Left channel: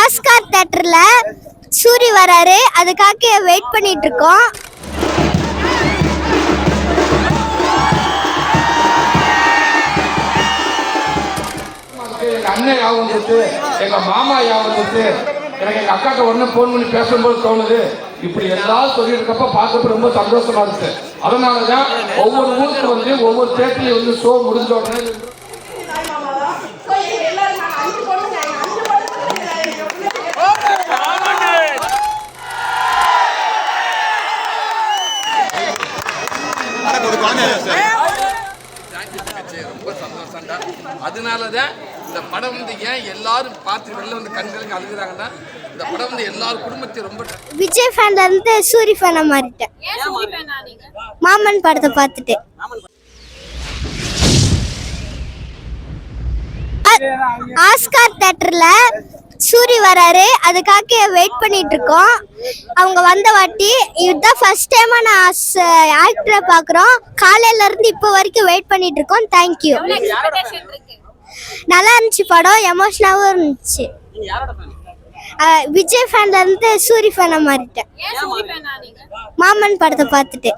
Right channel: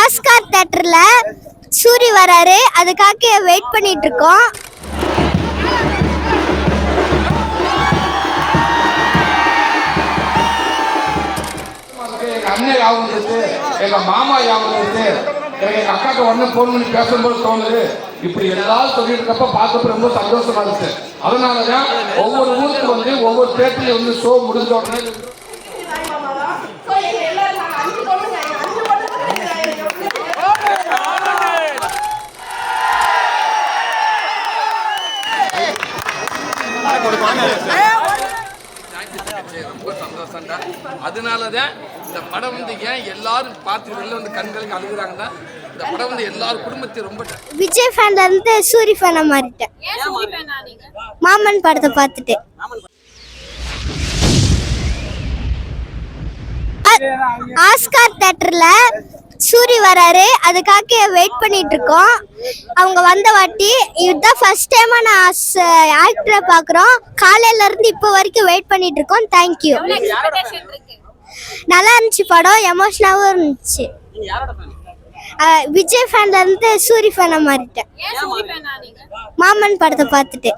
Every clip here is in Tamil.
ஆஸ்கார் தேட்டர்ல சூரி வராரு. அதுக்காக வெயிட் பண்ணிட்டு இருக்கோம் அண்ணன் எங்க மாமா எனக்கு எங்க அக்காக்கு உடனே பண்ணி பேசும்போது தோணுது. இப்படி எல்லாரும் சொல்லிட்டு இருக்கப்ப பார்க்க ரொம்ப சந்தோஷமா இருந்துச்சு. அதனாலதான் ஒவ்வொரு ஊருக்கு வந்து ஒவ்வொரு தேட்டர்லயும் வந்து ஷோ முடிஞ்ச உடனே ரொம்ப சந்தோஷம்டா அதனால தான் இந்த படம் வந்து ஏன் எல்லாரும் பார்த்து வெளில வந்து கண்களுக்கு அழுகுறாங்கன்னா இந்த படம் வந்து எல்லாரும் குடும்பத்தையும் ரொம்ப விஜய் ஃபேன்ல இருந்து சூரி ஃபேனா மாறிட்டேன். மாமன் படத்தை பார்த்துட்டு ஆஸ்கார் தேட்டர்ல சூரி வராரு. அதுக்காக வெயிட் பண்ணிட்டு இருக்கோம் அவங்க வந்த வாட்டி இதுதான் ஃபர்ஸ்ட் டைமா நான் ஆக்டரை பார்க்குறோம் காலையில இருந்து இப்போ வரைக்கும் வெயிட் பண்ணிட்டு இருக்கோம் தேங்க்யூ நல்லா இருந்துச்சு படம். எமோஷனாகவும் இருந்துச்சு. விஜய் ஃபேன்ல இருந்து சூரி ஃபேனா மாறிட்டேன். மாமன் படத்தை பார்த்துட்டு.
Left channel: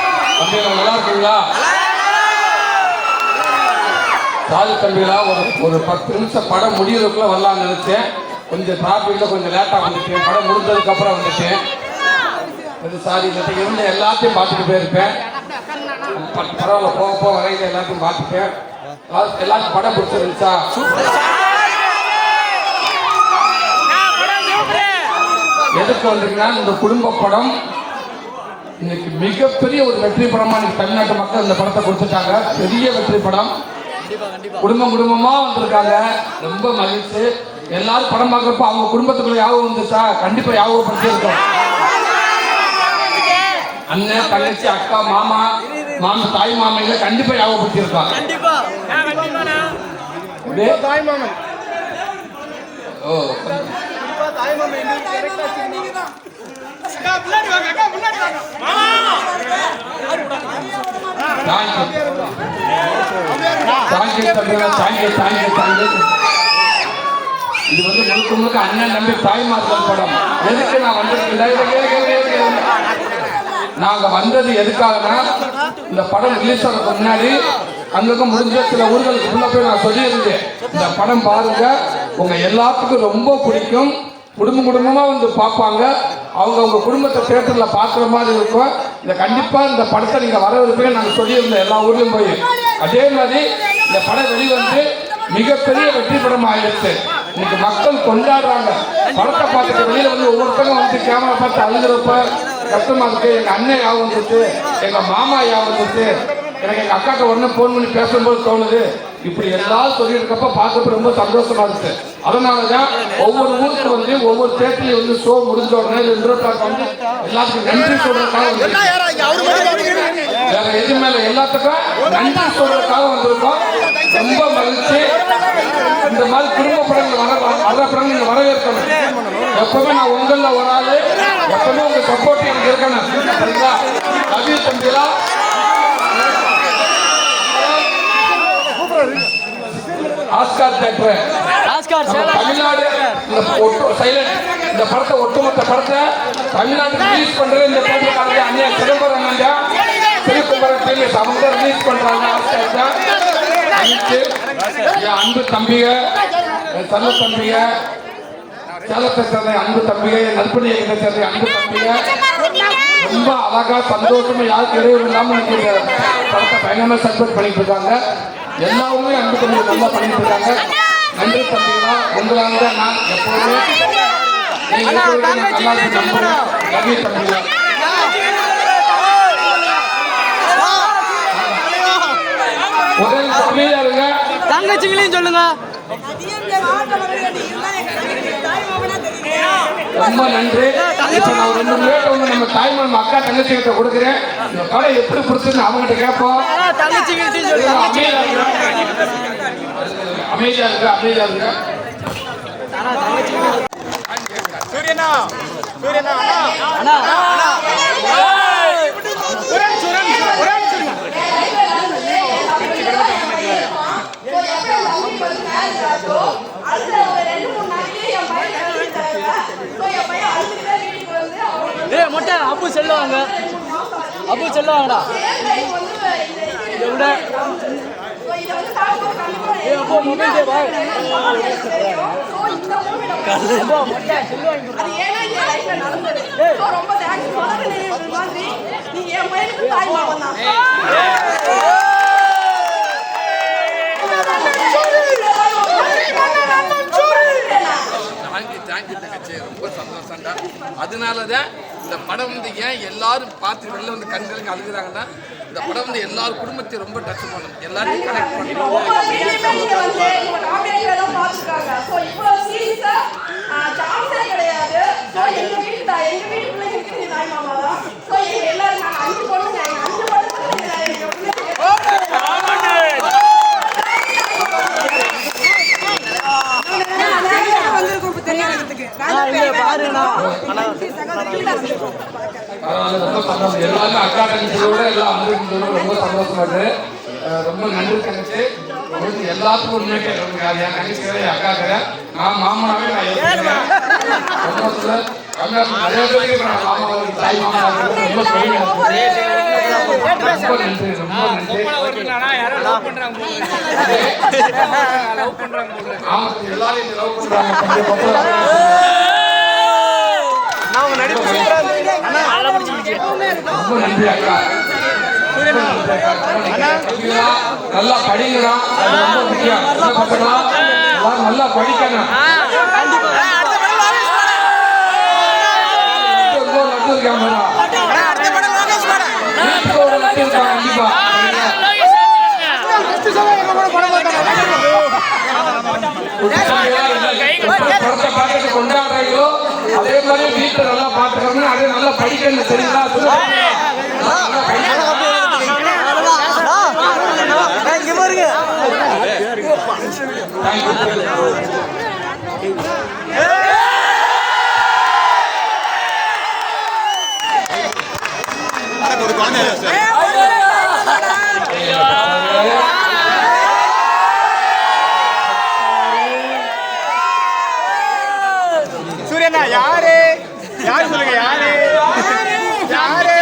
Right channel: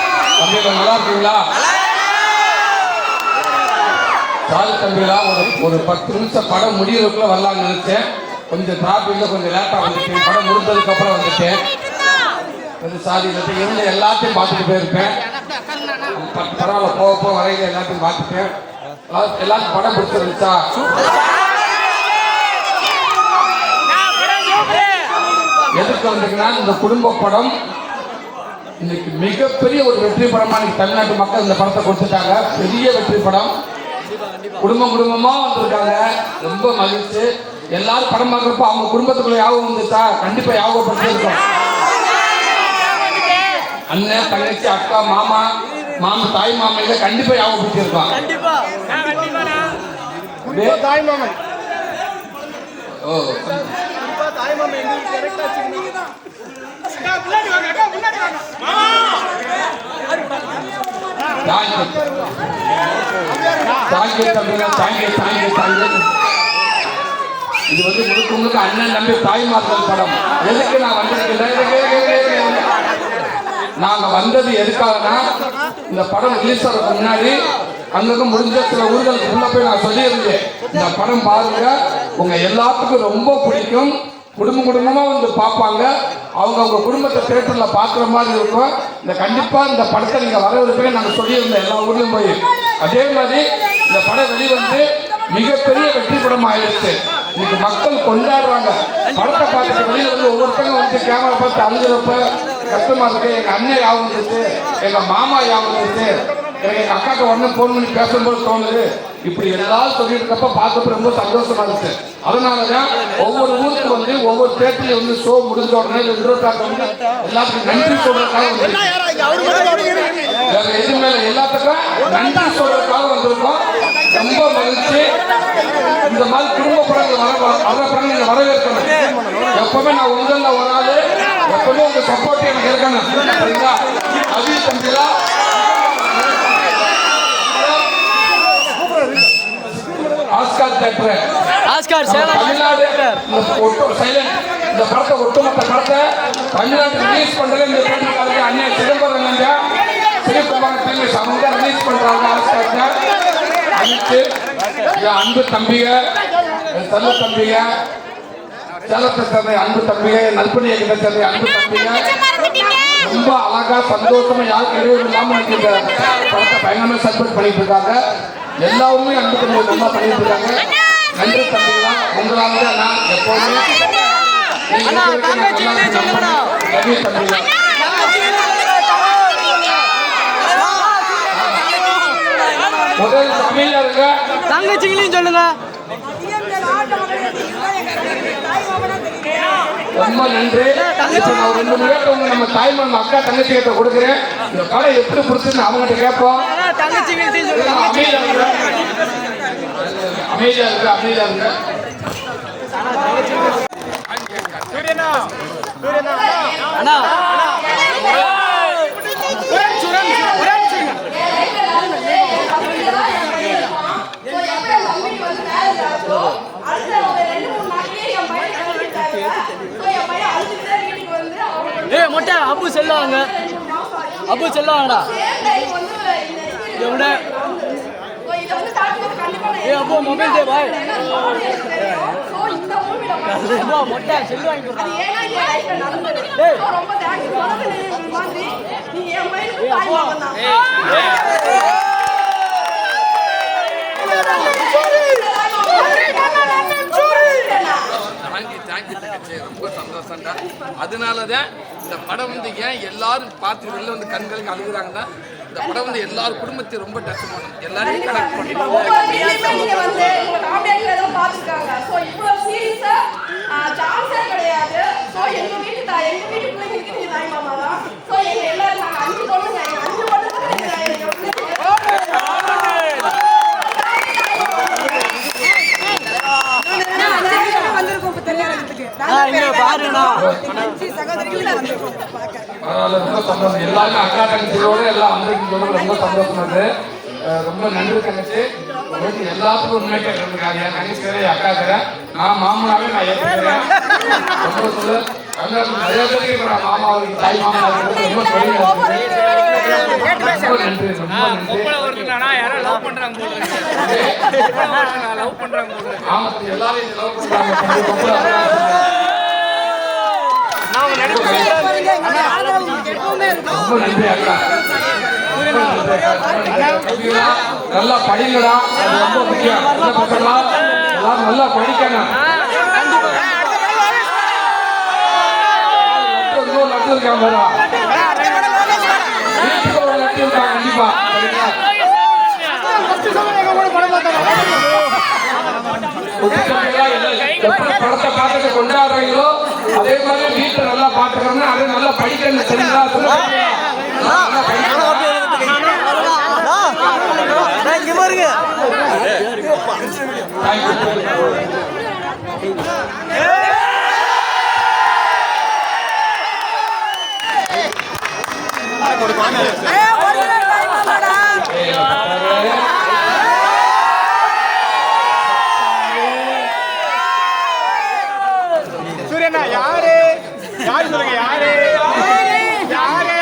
இருக்கீங்களா தாய் தம்பிகளா ஒரு ஒரு பத்து நிமிஷம் படம் முடியறதுக்குள்ள வரலாம்னு நினைச்சேன். கொஞ்சம் டிராஃபிக்ல கொஞ்சம் லேட்டா வந்துட்டேன் படம் முடிஞ்சதுக்கு அப்புறம் வந்துட்டேன் கொஞ்சம் சாரி இருந்த எல்லாத்தையும் பார்த்துட்டு போயிருப்பேன். பரவாயில்ல போக போக வரையில எல்லாத்தையும் பார்த்துட்டேன் எல்லாரும் படம் பிடிச்சிருந்துச்சா எதுக்கு வந்தீங்கன்னா இந்த குடும்ப படம் இன்னைக்கு மிகப்பெரிய ஒரு வெற்றி படமா இன்னைக்கு தமிழ்நாட்டு மக்கள் இந்த படத்தை கொடுத்துட்டாங்க. பெரிய வெற்றி படம். குடும்பம் குடும்பமா வந்திருக்காங்க. ரொம்ப மகிழ்ச்சி. எல்லாரும் படம் பார்க்குறப்ப அவங்க குடும்பத்துக்குள்ள யாபகம் வந்துச்சா? கண்டிப்பா யாபகப்படுத்திருக்கோம் அண்ணன் தங்கச்சி அக்கா மாமா மாமா தாய் மாமையில கண்டிப்பா யாபகப்படுத்தியிருக்கோம் அப்படியே? ஓ. தேங்க்யூ தேங்க்யூ தம்பிகளா thank you thank you thank you இது வந்து முழுக்க முழுக்க அண்ணன் தம்பி தாய்மார்கள் படம். எதுக்கு நான் வந்திருக்கேன்? நாங்க வந்தது எதுக்காகனா இந்த படம் ரிலீஸ் ஆகிறதுக்கு முன்னாடி அங்கங்க முடிஞ்ச சில ஊர்களுக்கு உள்ள போய் நான் சொல்லியிருந்தேன். இந்த படம் பாருங்க உங்க எல்லாத்துக்கும் ரொம்ப பிடிக்கும். குடும்ப குடும்பமா வந்து பார்ப்பாங்க. அவங்க அவங்க குடும்பத்தை பேப்பர்ல பார்க்குற மாதிரி இருக்கும். இந்த கண்டிப்பா இந்த படத்தை நீங்க வரவிருப்பீங்க நாங்க சொல்லியிருந்தோம் எல்லா ஊர்லயும் போய். அதே மாதிரி இந்த படம் வெளிவந்து மிகப்பெரிய வெற்றி படம் ஆயிடுச்சு இன்னைக்கு மக்கள் கொண்டாடுறாங்க. படத்தை பார்த்துட்டு வெளியில வந்து ஒவ்வொருத்தங்க வந்து கேமரா பார்த்து அழுகிறப்ப கஷ்டமா இருக்கு எங்க அண்ணன் யாபம் வந்துச்சு எங்க மாமா யாபம் வந்துச்சு எனக்கு எங்க அக்காக்கு உடனே ஃபோன் பண்ணி பேசும்போது தோணுது. இப்படி எல்லாரும் சொல்லிட்டு இருக்கப்ப பார்க்கறது ரொம்ப சந்தோஷமா இருக்கு அதனாலதான் ஒவ்வொரு ஊருக்கு வந்து ஒவ்வொரு தேட்டர்லயும் வந்து ஷோ முடிஞ்ச உடனே இருபத்தாறு வந்து எல்லாத்துக்கும் நன்றி சொல்றதுக்காக வந்து எது மேல எல்லாத்துக்கும் நன்றி சொல்றதுக்காக வந்திருக்கோம். ரொம்ப மகிழ்ச்சி. இந்த மாதிரி குடும்ப படங்கள் வர வர படங்கள் வரவேற்கணும். எப்பவுமே நான் உங்களில் ஆளு. எப்பவுமே உங்க சப்போர்ட் எனக்கு இருக்கணும். சரிங்களா? அபி தம்பிலா? ஆஸ்கார் தேட்டர் ஆஸ்கார் தமிழ்நாடு இந்த சைலண்ட் இந்த படத்தை ஒட்டுமொத்த படத்தை தமிழ்நாட்டுக்கு ரிலீஸ் பண்றது இந்த தேட்டர் அண்ணன் சிதம்பரம் திருக்குமரன் டீம் அவங்க ரிலீஸ் பண்றாங்க ஆஸ்கார்ல. அனைத்து அன்பு தம்பிக என் தள்ள தம்பிக சேலத்தை சேர்ந்த அன்பு தம்பிக நல்பணியை கிட்ட சேர்ந்த அன்பு தம்பிக ரொம்ப அழகா சந்தோஷமா யாருக்கு இடையூறு இல்லாம இன்னைக்கு இந்த படத்தை பயங்கரமா சப்போர்ட் பண்ணிட்டு இருக்காங்க. எல்லா ஊர்லயும் அன்பு தம்பி நல்லா பண்ணிட்டு இருக்காங்க. நன்றி தம்பிகளா உங்களால தான் நான் எப்போதுமே நீங்க அண்ணா, இருக்கிற வரைக்கும் நான் தங்கச்சி நல்லா கிட்டே சொல்லுங்கண்ணா. நன்றி தம்பிகளா முதல் அமைதியா இருங்க தங்கச்சிங்களையும் சொல்லுங்க. ரொம்ப நன்றி. இப்போ நான் ரெண்டு வந்து நம்ம தாய்மன் அக்கா தங்கச்சி கிட்ட கொடுக்குறேன். இந்த படம் எப்படி பிடிச்சுன்னு அவங்ககிட்ட கேட்போம். தங்கச்சிங்களையும் சொல்லுங்க. அமைதியா இருங்க அமைதியா இருங்க. அமைதியா இருங்க அண்ணா ஏ மொட்டை அப்பு சொல்லுவாங்க அப்பு சொல்லுவாங்கடா எവിടെ ஏ அப்போ மொபைல் தே பாய் அது ஏன்னா என் லைஃப்ல நடந்தது. So, ரொம்ப தேங்க்ஸ் சொன்னது மாதிரி. நீங்க என் பையனுக்கு தாய் மாமன்? தான் தேங்க்யூ தேங்க்யூ தங்கச்சி. ரொம்ப சந்தோஷம்டா. அதனால தான் இந்த படம் வந்து ஏன் எல்லாரும் பார்த்து வெளில வந்து கண்களுக்கு அழுகுறாங்கன்னா இந்த படம் வந்து எல்லார் குடும்பத்தையும் ரொம்ப டச் பண்ணணும் எல்லாரையும் கனெக்ட் பண்ணணும் கிடையாது ஸோ எங்க வீட்டு தா- எங்க வீட்டு பிள்ளைங்களுக்கு நீ தாய் மாமா தான் ஸோ எங்க எல்லாரும் நாங்க அஞ்சு பொண்ணுங்க எங்க அஞ்சு பொண்ணுங்க எங்க பிள்ளைங்க நம்ம எல்லாருமே அக்கா தங்கச்சியோட எல்லாம் அன்பு ரொம்ப சந்தோஷமா இருக்கு ரொம்ப நன்றி தங்கச்சி. உங்களுக்கு எல்லாத்துக்கும் உண்மையை கேட்கறாங்க என் தங்கச்சிக்கிறேன் என் அக்காக்கிறேன் நான் மாமனாவே நான் ஏற்றுக்கிறேன் சந்தோஷத்துல தமிழ்நாட்டில் நிறைய பேருக்கு இப்போ நான் மாமா தாய் ரொம்ப பெரிய ரொம்ப நன்றி. ரொம்ப நன்றி. ஆமா எல்லாரும் லவ் பண்றாங்க. ரொம்ப நன்றி அக்கா நல்லா படிங்கடா அது ரொம்ப முக்கியம் நல்லா படிக்கணும் கண்டிப்பா படத்தை பார்த்துட்டு கொண்டாடுறீங்களோ அதே மாதிரி வீட்டுல நல்லா பாக்குறோம்னா அதை நல்லா படிக்கணும் சரிங்களா நல்லா படிக்கணும். Thank சூரியனா யாரு? யாரு சொல்லுங்க யாரு? யாரு?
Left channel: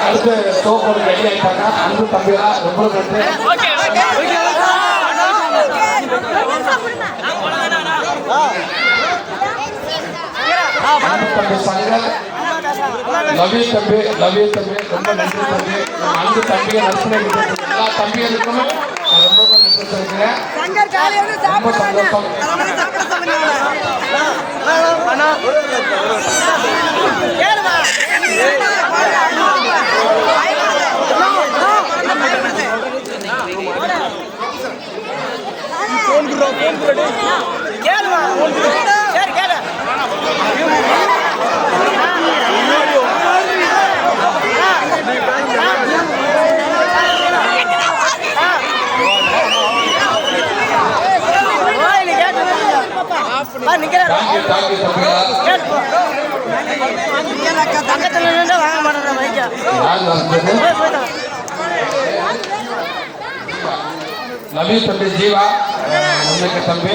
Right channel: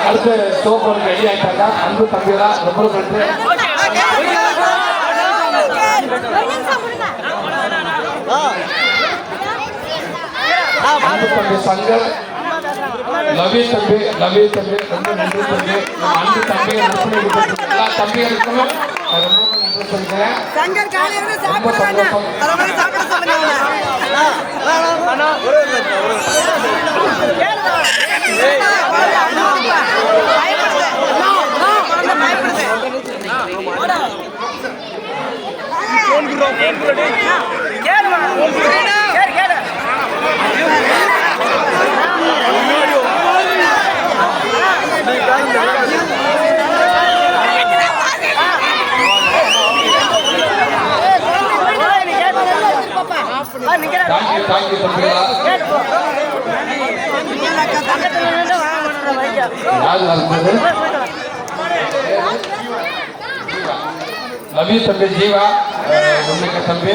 அடுத்து சோப்பர் ரெடி ஆயிட்டாக்கா அன்பு தம்பிகளா ரொம்ப நன்றி அன்பு தம்பி சங்கர் லவி தம்பி லவி தம்பி ரொம்ப நன்றி தம்பி நம்ம அன்பு தம்பிகள் குடும்பத்துக்கு எல்லா தம்பிகளுக்குமே நான் ரொம்ப நன்றி சொல்கிறேன் ரொம்ப சந்தோஷம் தேங்க்யூ தேங்க்யூ தம்பிகளா யார் நடந்தது நபி தம்பி ஜீவா. உங்களுக்கு தம்பி.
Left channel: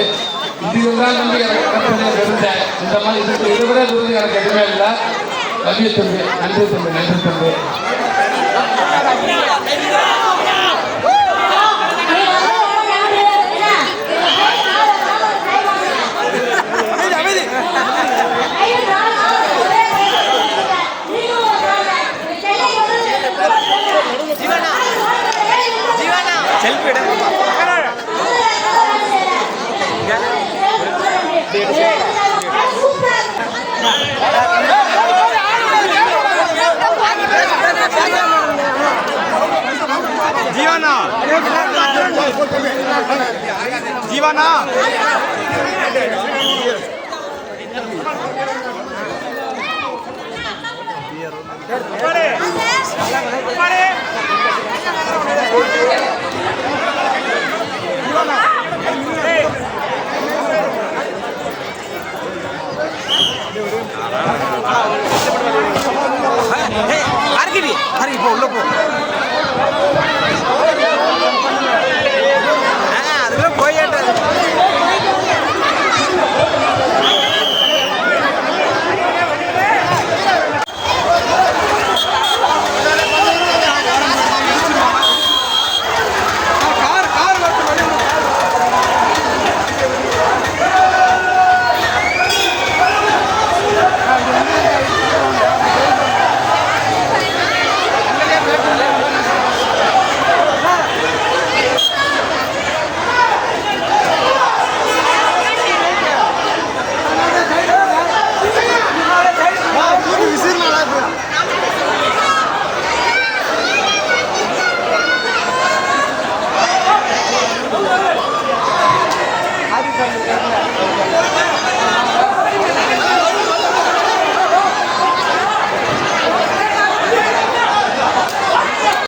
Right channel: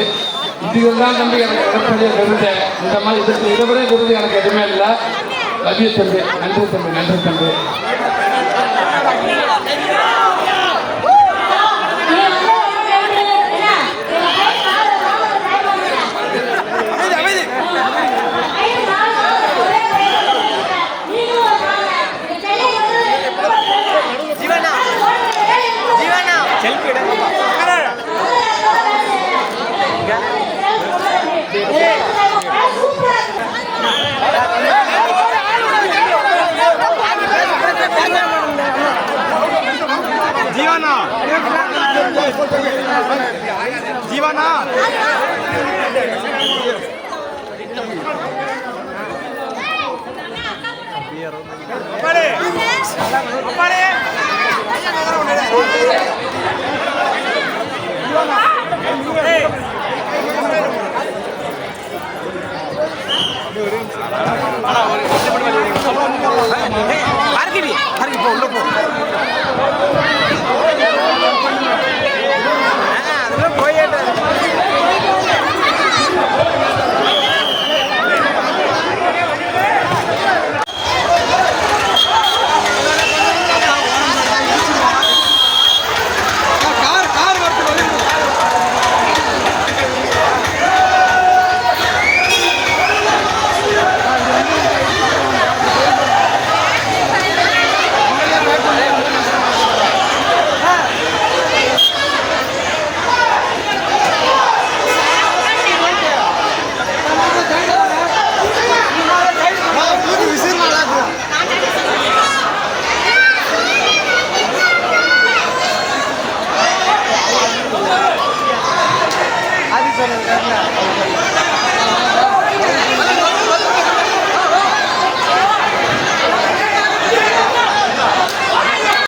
இதுதான் தம்பி எனக்கு இந்த மாதிரி இதுக்கு இதுவரை விட விருது எனக்கு எதுவுமே இல்லை. நபிய தம்பி நன்றி தம்பி நன்றி தம்பி. செல்ஃபி எடுங்கப்பா ஜீவானா. ஜீவானா. அருகிரி அருகி போ உள்ள போ.